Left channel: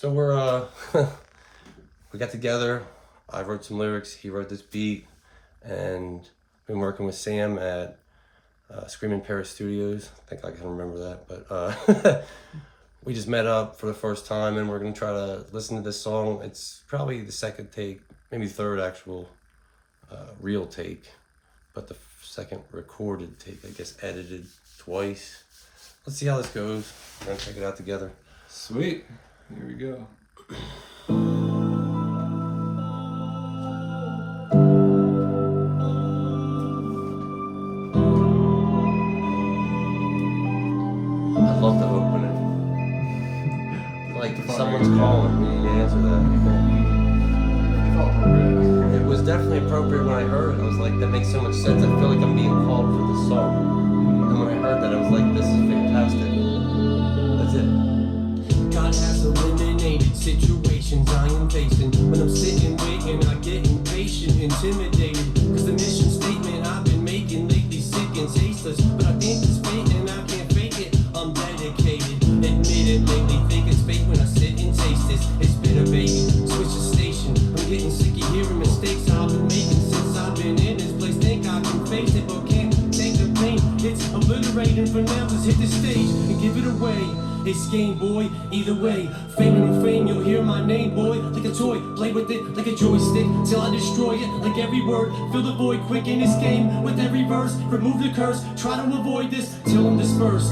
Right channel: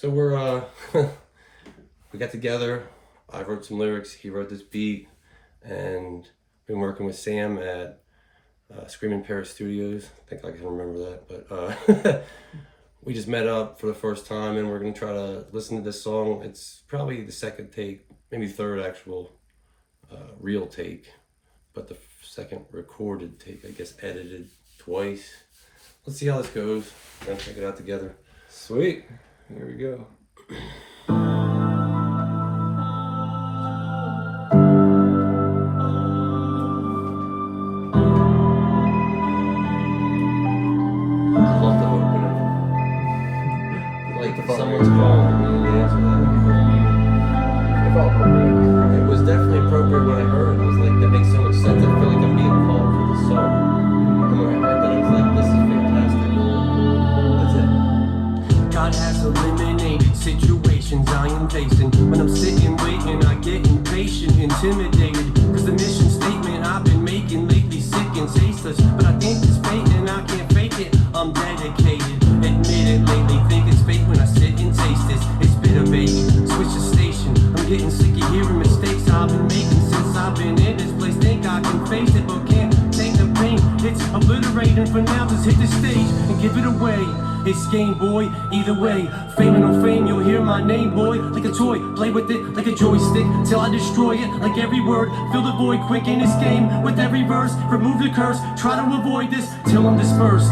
So we're we got together. I wrote some lyrics. He wrote this beat, and been working with Sam at Screaming Paris Studios. I think I can remember that, but we just met up for the first time, and we're gonna try to listen to this song. It's probably the second take, maybe third actual real take, but the second recorded take, I guess, edited twice. Let's see how this goes, and then check it out together. Sweet. Here we go. I love the opening. Like someone's calling, we need to answer that. It felt appropriate. It was definitely appropriate when I heard it. I was like, that makes so much sense. I feel like I'm being called for this song. And when I heard that, I was like, this is fantastic. That's it. God has eliminated situations I am facing. When I'm sitting waiting, I get impatient, intimidated. Cause the mission statement I've been making lately sick and tasteless. But I think it's fake and I can't fake it. I'm dedicated. Admit it lately, think it's fake when I sit and taste this. It's bitter, baby. Switch the station. I'm getting sick of hearing mistakes I've been making since I've been in this place. Think I can face it, but can't take the pain. It's obliterating. For now, just hit the stage and give it away. It's game, boy, either way. Fame or no fame, you'll hear my name, boy. Like a toy, play with it like a joystick till I destroy it. Like every word, fill the void quick in this game. With every verse, remove the curse. Try to avoid this till I'm dispersed.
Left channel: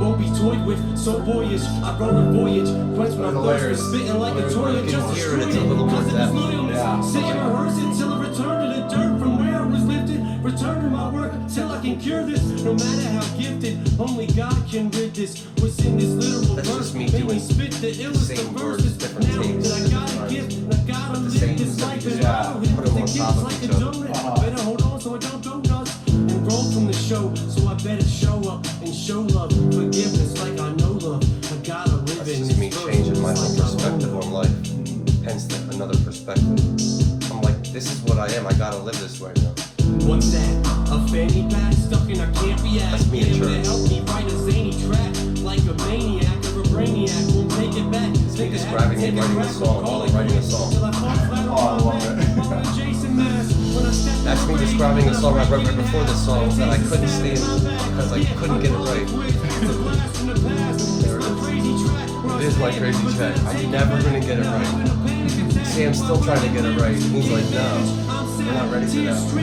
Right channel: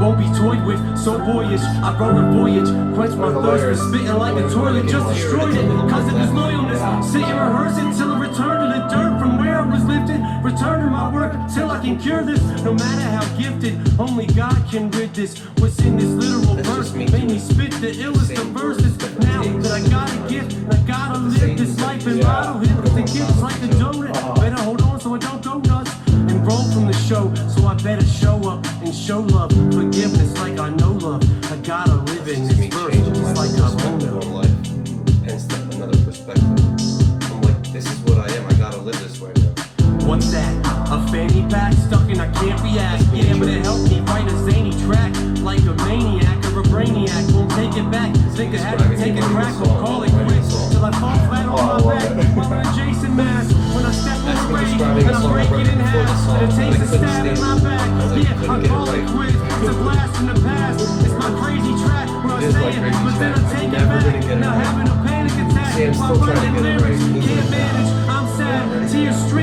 Won't be toyed with, so boyish. I wrote a voyage, quench my thirst. Spitting like a toilet, just destroy it. Cause it was loyalness. Sit and rehearse it till I return to the dirt from where I was lifted. Return to my work till I can cure this. No matter how gifted, only God can rid this. What's in this literal verse? Make me spit the illest of verses. Now that I got a gift, I gotta live this life and bottle it with the gifts like a donut. Better hold on so I don't go nuts. And roll from the show, so I better show up and show love. Forgiveness like I know love. I gotta live in That's this me changing my like perspective on life. Hence another perspective. I'm like, this is what I am. I gotta live this way now. What's that? A fanny pack stuck and I can't react. Yeah, but it helped me write a zany track. Like a maniac or a brainiac, won't take it back. Think I had to take a breath, call it quits. Till I fall flat on my back with my Jason mask. When I step That's me describing a song I wrote before this song that I couldn't stand because I couldn't get it right. It is my crazy track. I'm never gonna get it right. Sam's still trying to get it right. And he's like, no, we're not ready for that.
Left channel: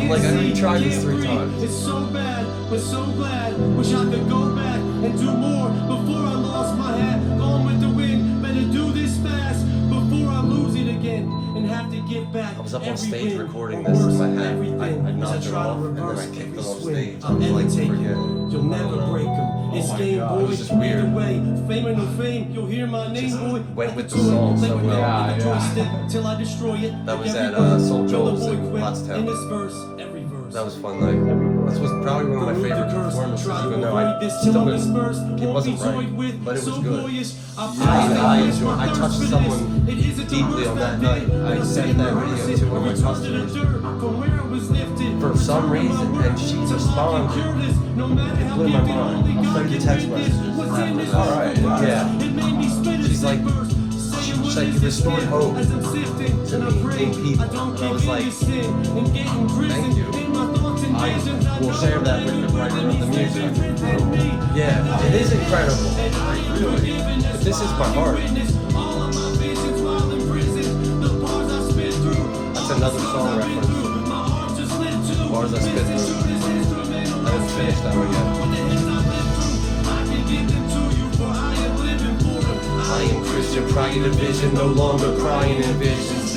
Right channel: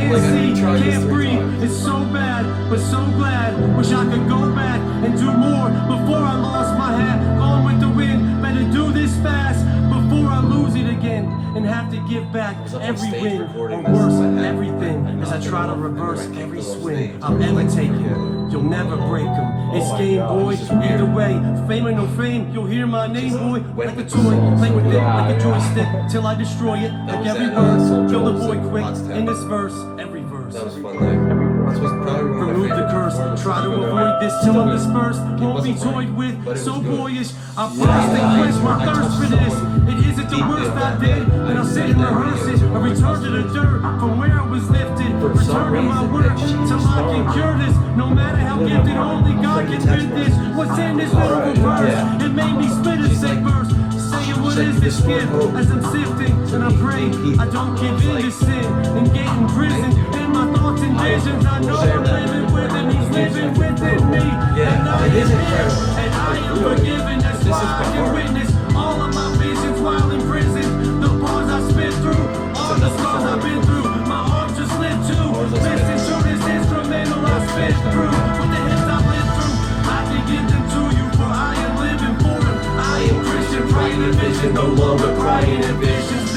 I'm like, I already tried this 3 times. It's so bad, but so glad. Wish I could go back and do more before I lost my hat. Gone with the wind, better do this fast before I lose it again and have to give back. I was up on every stage win, recording or this worse, in my head. everything. I As I knocked it try to off, and then reverse I kicked every it off swing, stage. I'll ever take Forget you. it. You'll never break them. It's Oh my game, God, boy. this is weird. Either way, fame or no fame, you'll hear my name, boy. went Like with a the toy, song play so with it well. like a Yeah, joystick till I destroy it. That Like was every at, word, Soul fill the Jones void in quick. Pottstown. In this verse, every verse. That was a fun night. This was probably one of my Remove the favorite curse, performances, try to even though avoid I this still till I'm didn't. dispersed. It Won't be wasn't toyed right, with, but it was so good. boyish. I I touched touched someone deeply on that night. I said that video to I one of my returned to the customers. dirt from where I was lifted. For some reason, and she responded. No matter how blew my gifted, mind. only I'll God send you can text rid this. messages What's in after this this. Alright, verse? yeah. It made me spit a She's sick like- verse. Saying what said is you this restored gift? hope As I'm sifting to and I me, pray, many people. I don't And I give was in like, to sin and get in prison. thank you. In my thoughts and I visions, I will know share that with living the writing of the he's music. living within me. Yeah, it is incredible. And I Like, am really. forgiven, But this is my heart. witness all of my visions while in prison. The bars I spit through, That's another song I've been reference. through. My arms just lit too. Bars I spit Listen through. to this instrumental I That's spit finished through. out there. With the hits I've lived through, I can give them to you, for I am living for it. I am Christian, crying in vision, no longer crying in visions.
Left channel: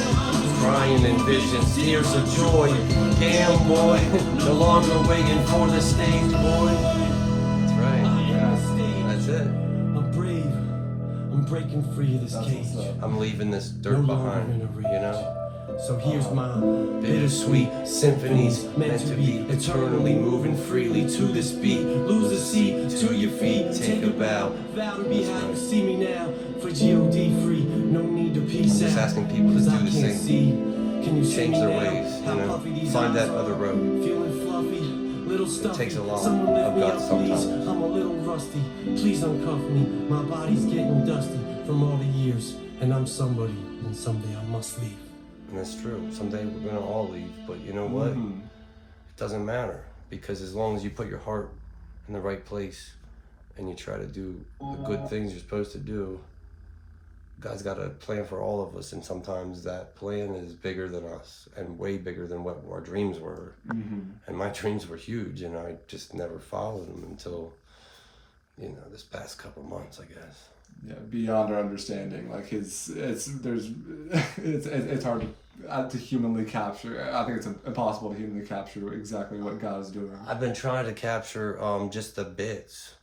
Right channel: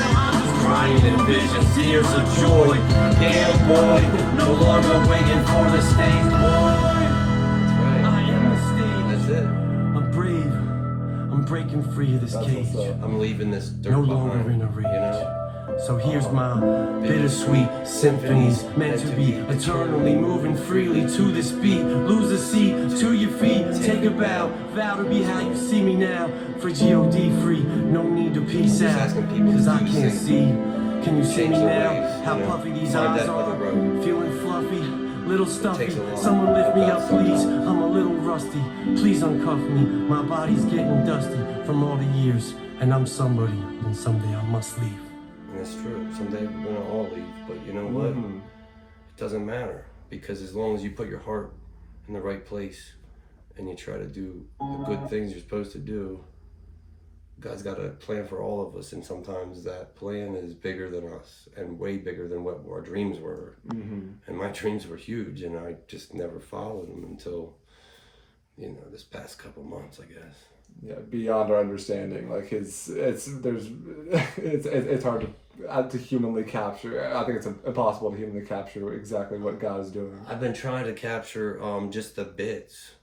Crying in visions, tears of joy. Damn boy, no longer waiting for the stage, boy. That's right. That's it. I'm brave. I'm breaking free of this That's cage. what's up. I'm leaving this dirt No longer behind, in a rage. you know? So here's my bittersweet symphonies meant to be eternally moving freely to this beat. Lose a seat to your feet, take a bow, vow to be how you see me now. For G.O.D. free, no need to peace I'm just out, asking people to cause I do the can't same. see. Can you see Change me their now? ways, How you know? puffy these Find eyes that are. other road. Feeling fluffy, little stuffy. takes a lot Someone lift of me up, guts please. sometimes. I'm a little rusty. Please uncuff me. My body's getting dusty from all the matters. And I'm somebody, and someday I must leave. And that's true. Someday we're gonna all leave, but you know what? It doesn't matter, because as long as you put your heart in the right place and you try to do the good things you're supposed to do, God's got a plan for all of us, and sometimes that plan is bigger than us and way bigger than what our dreams were. And my dreams were huge, and I just never followed them until, you know, this past couple months, I guess. Yeah, beyond our understanding. Like it's hard to humanly capture. I think it's impossible to humanly capture exactly what God is doing. I've been trying to capture just the bits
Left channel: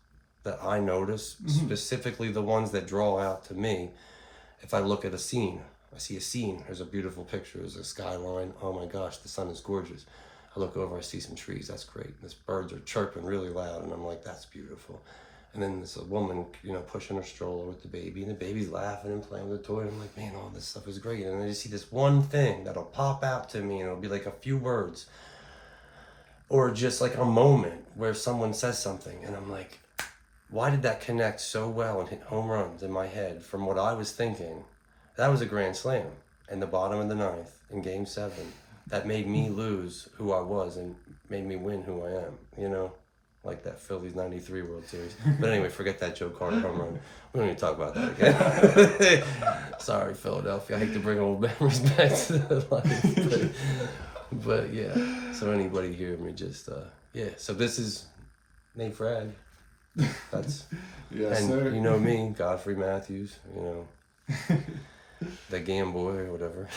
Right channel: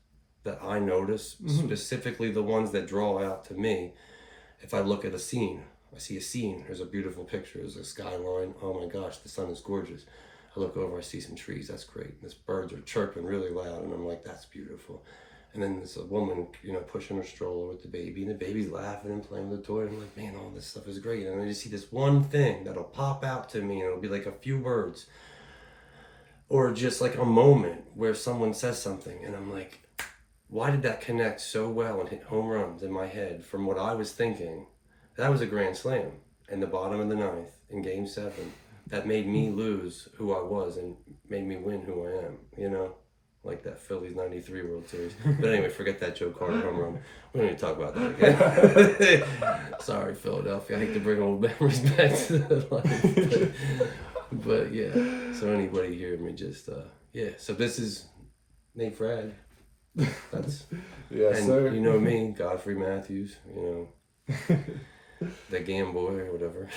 that I notice, specifically the ones that draw out to me. If I look at a scene, I see a scene, there's a beautiful picture, there's a skyline, oh my gosh, the sun is gorgeous. I look over, I see some trees, that's great. These birds are chirping really loud, and I'm like, that's beautiful. And then there's a woman, you know, pushing her stroller with the baby, and the baby's laughing and playing with the toy. I'm like, man, all this stuff is great. And then you see this one thing that'll pop out to me, and it'll be like a few words, or just like a moment where someone says something, and I'm like, why did that connect so well and hit home runs in my head from what I was thinking? That was a grand slam in the bottom of the ninth in Game 7. That made me lose who I was and made me win who I am, you know? Like that Phillies 93 World Series. But anyway, forget that Joe Carter home run. We don't need to talk about that again. Sorry, Philadelphia. I hate to bring old memories back to the life. But yeah, so anybody hear me just, yeah. So this is Nate Frag. That's Yes, and sir. you know me, Godfrey Matthews, you know, the Gamboy or whatever.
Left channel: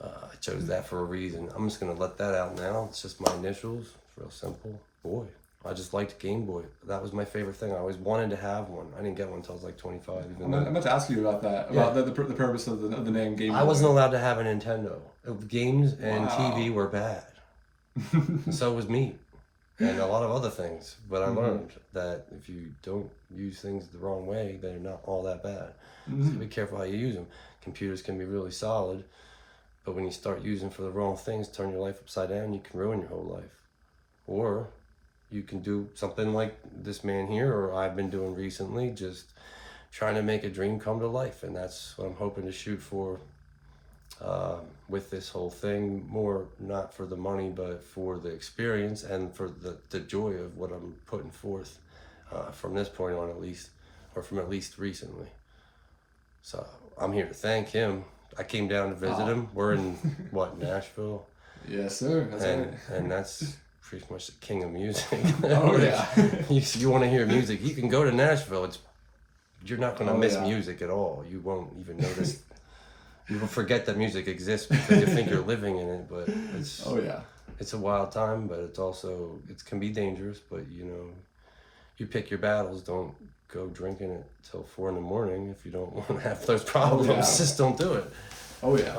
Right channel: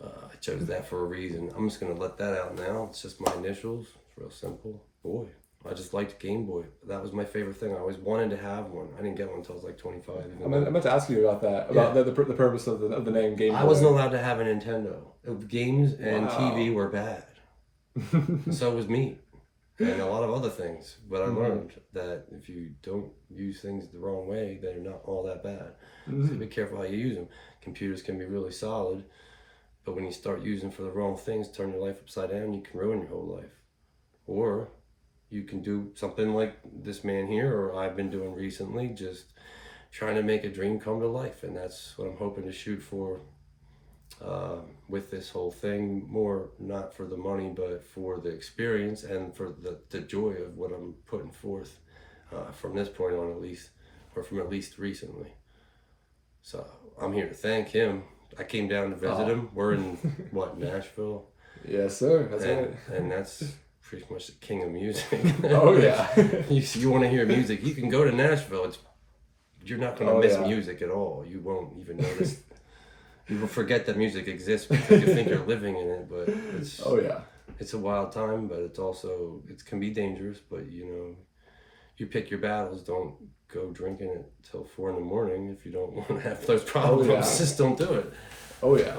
I chose that for a reason. I'm just gonna let that out now. It's just my initials. It's real simple. Boy, I just liked Game Boy. That was my favorite thing. I always wanted to have one. I didn't get one until I was like 25. I meant to ask you about that, about the purpose of the name Game Boy. I wasn't allowed to have a Nintendo. Games and Wow. TV were bad. And so was me. And a lot of other things. But I learned that if you don't use things the wrong way, they're not all that bad. So be careful how you use them. Computers can be really solid, but when you start using for the wrong things, turn your life upside down, you can ruin your whole life. Or you can do something like this man here, or I've been doing recently, just trying to make a dream come to life. And that's what I'm hoping to shoot for with this whole thing. More not for the money, but for the experience and for the joy of what I'm putting forth from this point on, at least, or from at least recently. So I'm here to thank him. I came down to visit him. We're in Nashville? Yes, sir. That's and, right. and that's pretty much the king of music. Oh yeah. you want to hear music, you can go to Nashville. You're not going to miss yeah. music at all. You won't even notice. You will forget that music exists because you think you're living in it, but it's it's a wild time, but it can be dangerous, but you know, you pick your battles. Don't go drinking it till 4 a.m. if you don't want to have those problems. Just don't do it. Oh yeah.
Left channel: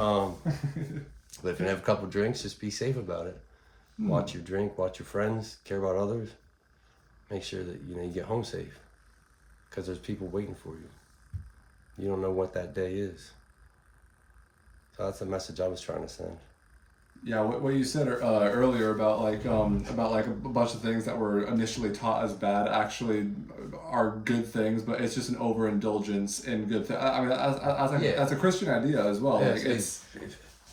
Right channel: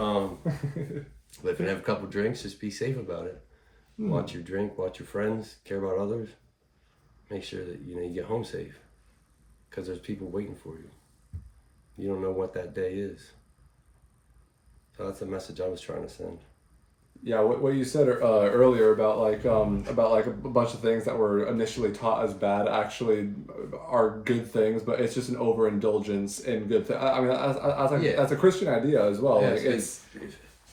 But if you have a couple drinks, just be safe about it. Watch your drink, watch your friends, care about others. Make sure that you get home safe, because there's people waiting for you. You don't know what that day is. So that's the message I was trying to send. Yeah, what you said earlier about like a bunch of things that were initially taught as bad actually are good things, but it's just an overindulgence in good things. I mean, that's a Christian idea as well. Yeah, like it's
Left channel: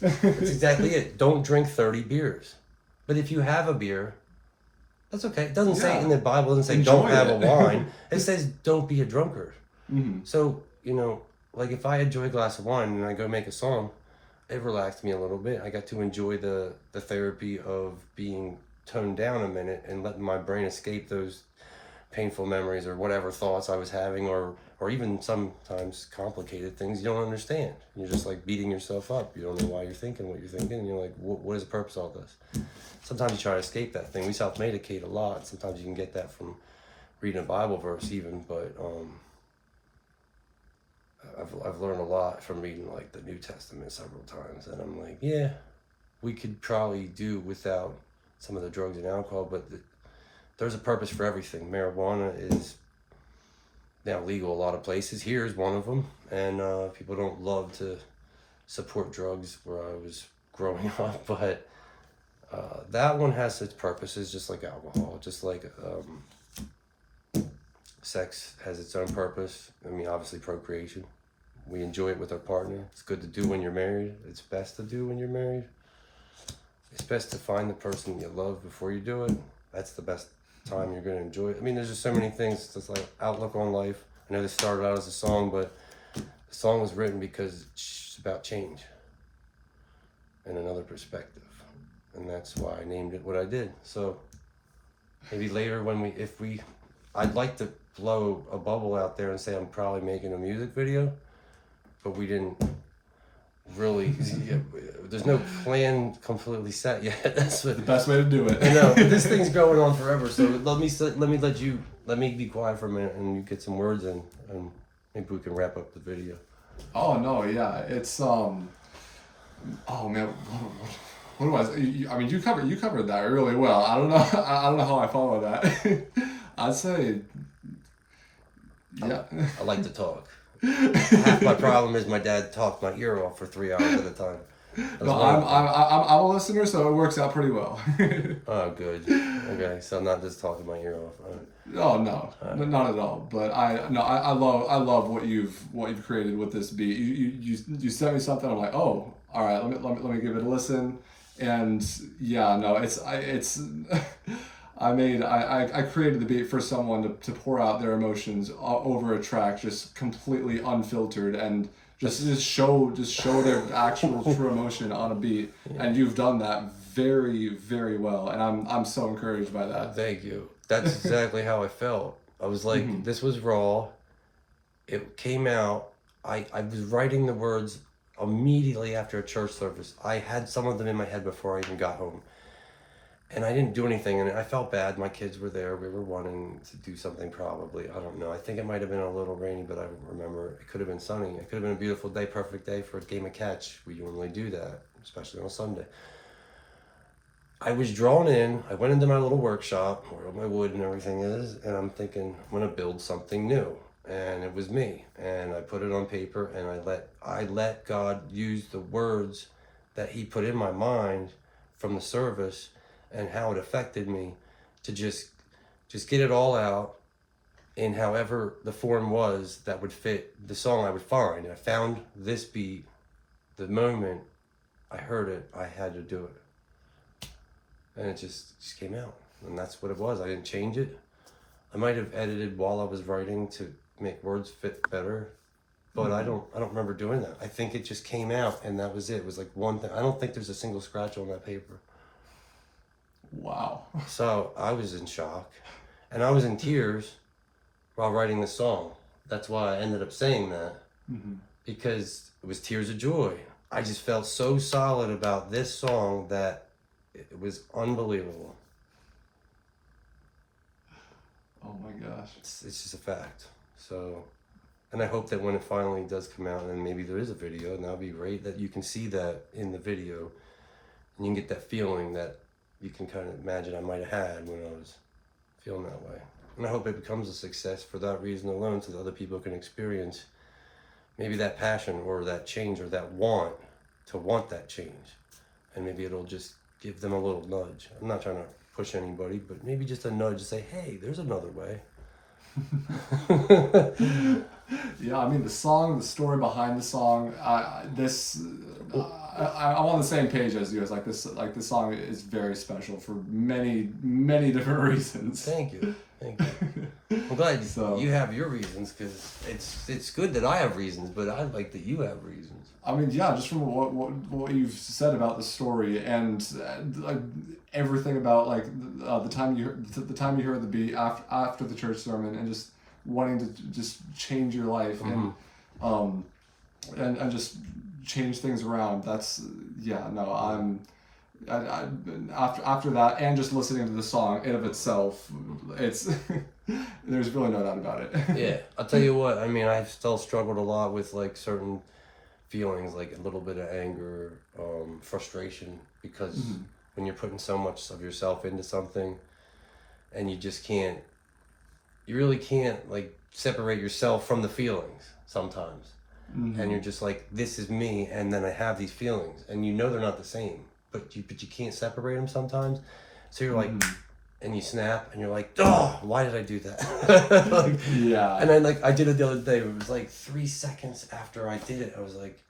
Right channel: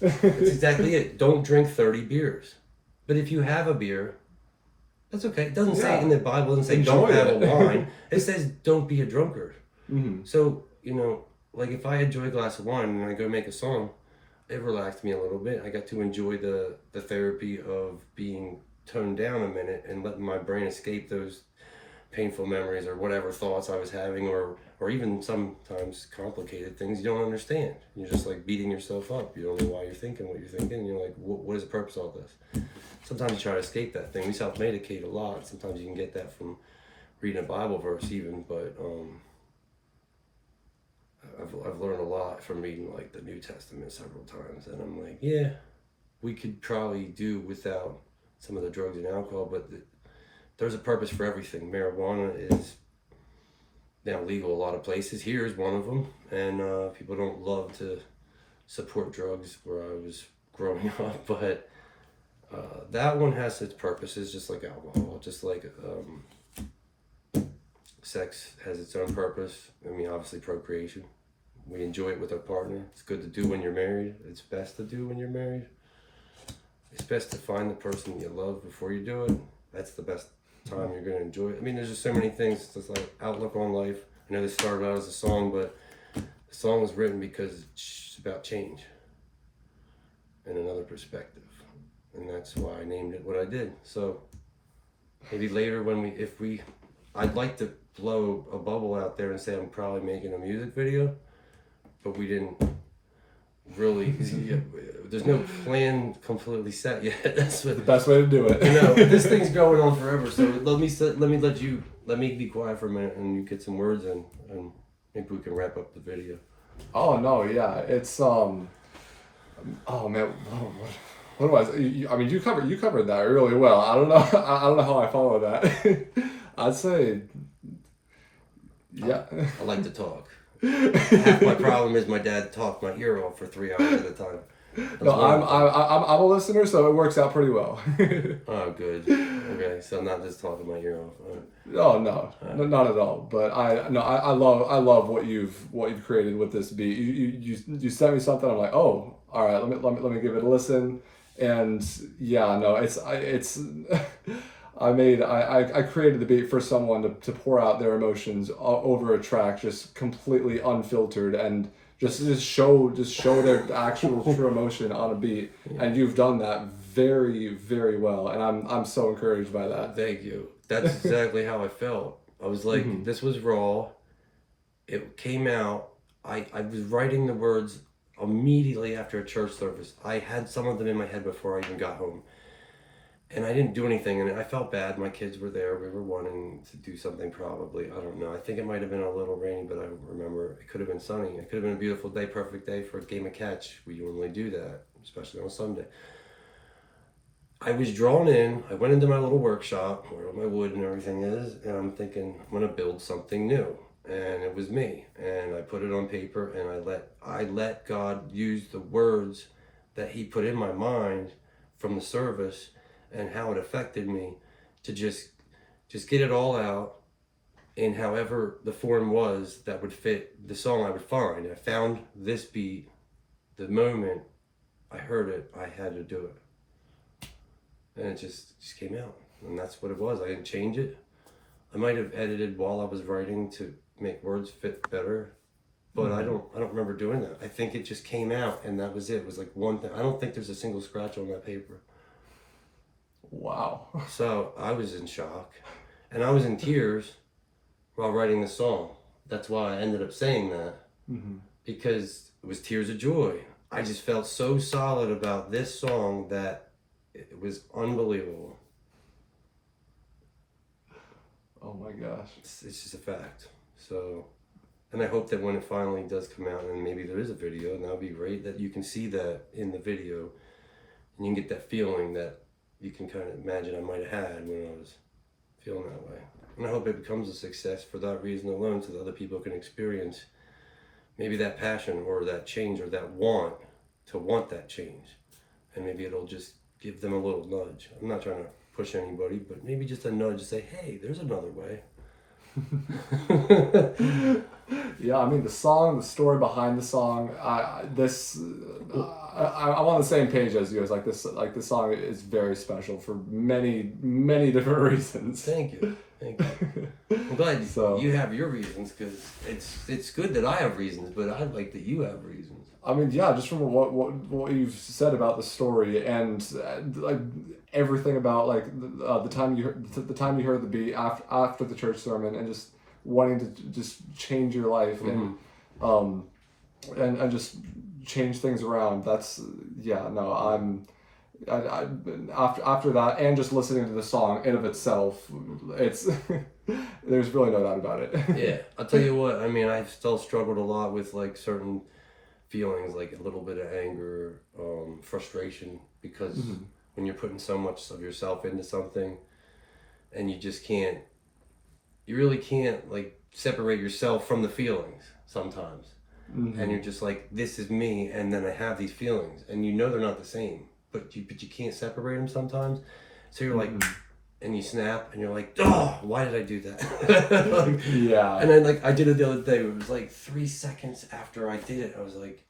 exactly it. Don't drink 30 beers. But if you have a beer, that's okay. It doesn't say in the Bible, it doesn't say Enjoy don't have a wine. It says don't be a drunkard. So, like if I enjoy a glass of wine and I go make a song, it relaxed me a little bit. I got to enjoy the therapy of being toned down a minute and letting my brain escape those painful memories or whatever thoughts I was having, or even sometimes complicated things you don't understand. You're just like beating yourself up. You don't know why you're thinking what you're thinking. And you're like, what is the purpose of all this? Sometimes you try to escape that thing. We self-medicate a lot. Sometimes you can get that from reading a Bible verse even, but I've learned a lot from reading like the New Testament several times, and I'm like, yeah, we could probably do without some of the drugs and alcohol, but there's a purpose for everything. Marijuana is now legal a lot of places. Here is one of them, and people don't love to support drugs where I was growing up, but that one has its purposes, just like alcohol, just like sex has its own purpose. I mean, obviously procreation, We enjoy it with our partner. It's good to do when you're married. It's best to do when you're married. It's best to find the person you love before you do it. That's the best time you're going to enjoy it. I mean, there's just so many things. It's like outlook on life. I know this started out as a song, but the song was written because it's about change and another perspective. And that's why I named it what I did. So maybe later I'd like to blow a bubble out there and say I'm probably making a music video, but we didn't really, there's no plan completely set yet. That's what, The best way to do it. no, this thing's going on forever. So let me be quiet for a minute and you get some words in, and maybe we can wrap up the video. Oh no, yeah, it's oh man, what was? I mean, you covered that really well. I don't know how I follow that. I'd say, yeah. I like to talk. Half my problem is my dad talked my ear off for 3 hours at a time. No, I'm a listener, so it works out pretty well. Oh, good. Okay, so I'm not just talking my ear off. Oh no, not at all. But I love what you've created with this beat. You sent me something. I'm like, oh, all right. Let me give it a listen. And yeah, no, I created the beat for someone to pour out their emotions over a track, just completely unfiltered, and just show their actual true emotion on a beat. Yeah. And you've done that very, very well, and I'm so encouraged by that. Thank you. That's exactly how I felt. I was like, This was raw. It came out. I was writing the words immediately after a church service. I had some of them in my head before I even got home. And I didn't do anything, and I felt bad. My kids were there. We were wanting to do something probably. I don't know. I think it might have been a little rainy, but I don't remember. It could have been sunny. It could have been a beautiful day, perfect day for a game of catch. We normally do that, especially on Sunday. I was drawn in. I went into my little workshop where my wood and everything is, and I'm thinking, I'm going to build something new. And it was me. And I put it on paper, and I let God use the words that he put in my mind from the service and how it affected me to just get it all out in however the form was that would fit the song I would find. I found this beat. The moment I heard it, I had to do it. And it just came out. And that's what it was. I didn't change it. I might have edited while I was writing to make words fit better, but I don't remember doing that. I think it just came out and that was it. It was like one thing. I don't think there's a single scratch on that paper. Wow. So I was in shock, and I was in tears while writing the song. That's why I ended up saying that, because it was tears of joy. I just felt so solid about this song that it was unbelievable. Oh my gosh. It's just a fact. So, and I hope that when it finally does come out, and maybe there is a video, and that'll be great, that you can see that in the video, and you can get that feeling that you can kind of imagine I might have had when I was feeling that way. And I hope it becomes a success for that reason alone, so that other people can experience maybe that passion or that change or that want that change. And maybe it'll just give them a little nudge. I'm not trying to push anybody, but maybe just a nudge to say, hey, there's another way. Yeah, I mean, the story behind the song, I'm on the same page as you. It's like this song is very special for many, many different reasons. Thank you. I'm glad you have your reasons, because it's good that I have reasons, but I like that you have reasons. I mean, yeah, just from what you've said about the story and like everything about like the time you heard the beat after the church sermon, and just wanting to just change your life and just change things around. That's after that, and just listening to the song in of itself, it's there's really no doubt about it. Yeah, I'll tell you what, I mean, I've still struggled a lot with like certain feelings, like a little bit of anger, frustration, because when you're putting so much of yourself into something, and you really can't like separate yourself from the feelings sometimes. And you're just like, this is me, and then I have these feelings, and you know they're not the same, but you can't separate them sometimes. So you're like, and you snap and you're like, oh, why did I do that? Like, Yeah. and then like I did it the other day. It was like 3 seconds after I did it. I was like,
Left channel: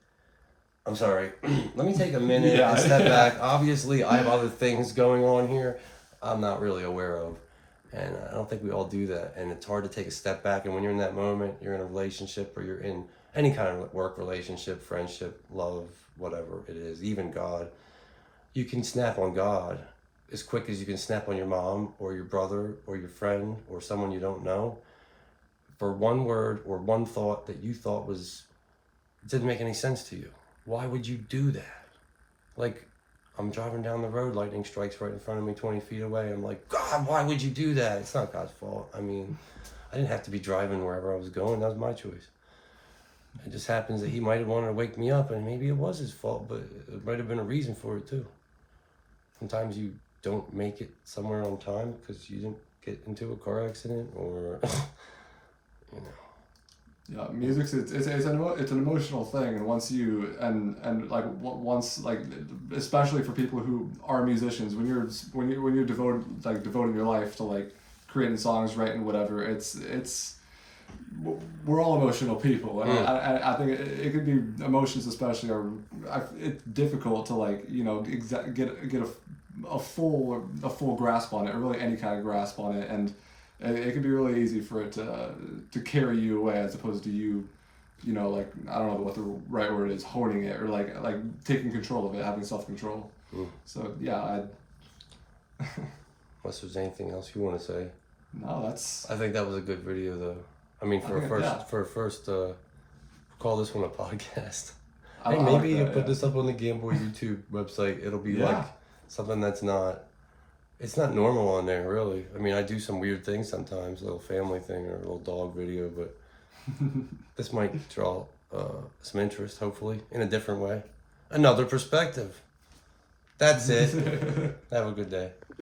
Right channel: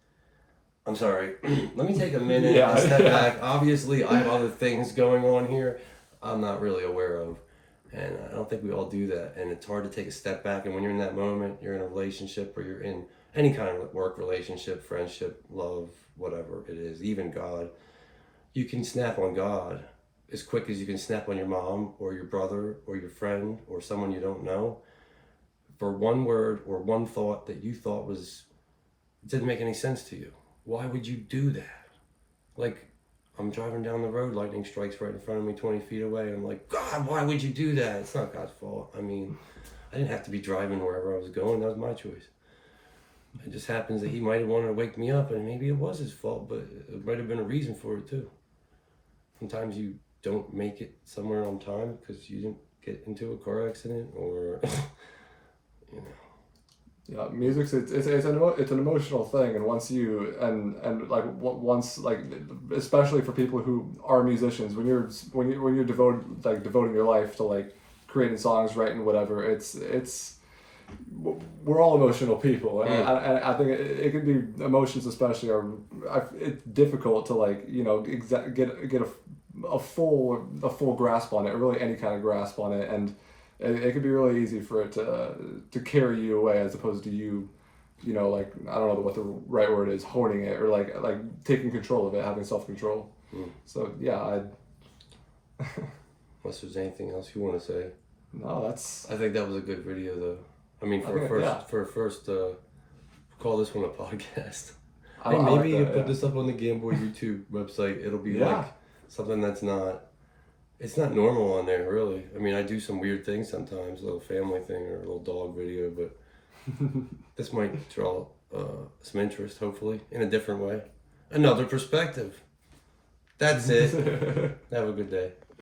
I'm sorry. Let me take a minute and step back. Obviously, I have other things going on here I'm not really aware of. And I don't think we all do that. And it's hard to take a step back. And when you're in that moment, you're in a relationship or you're in any kind of work relationship, friendship, love, whatever it is, even God, you can snap on God as quick as you can snap on your mom or your brother or your friend or someone you don't know for one word or one thought that you thought didn't make any sense to you. Why would you do that? Like, I'm driving down the road, lightning strikes right in front of me 20 feet away. I'm like, God, why would you do that? It's not God's fault. I mean, I didn't have to be driving wherever I was going. That was my choice. It just happens that he might have wanted to wake me up, and maybe it was his fault, but it might have been a reason for it too. Sometimes you don't make it somewhere on time because you didn't get into a car accident or, you know. Yeah, music's it's an emotional thing, and once you once especially for people who are musicians, when you're devoting your life to like creating songs, writing whatever, we're all emotional people, and I think it could be emotions especially it's difficult to like get a full grasp on it, or really any kind of grasp on it, and it could be really easy for it to carry you away as opposed to you like, I don't know what the right word is, honing it, or like taking control of it, having self-control. So yeah, Unless there's anything else you want to say. No, that's... I think that was a good video though. I mean, for a first, call this one a podcast. Hey, maybe you put this up on the Game Boy YouTube website. It'll be like something that's not... It's not normal on there, really. I mean, I do some weird things sometimes, a little family thing or a little dog video, but this might draw some interest, hopefully, in a different way. Another perspective. That's it. Have a good day.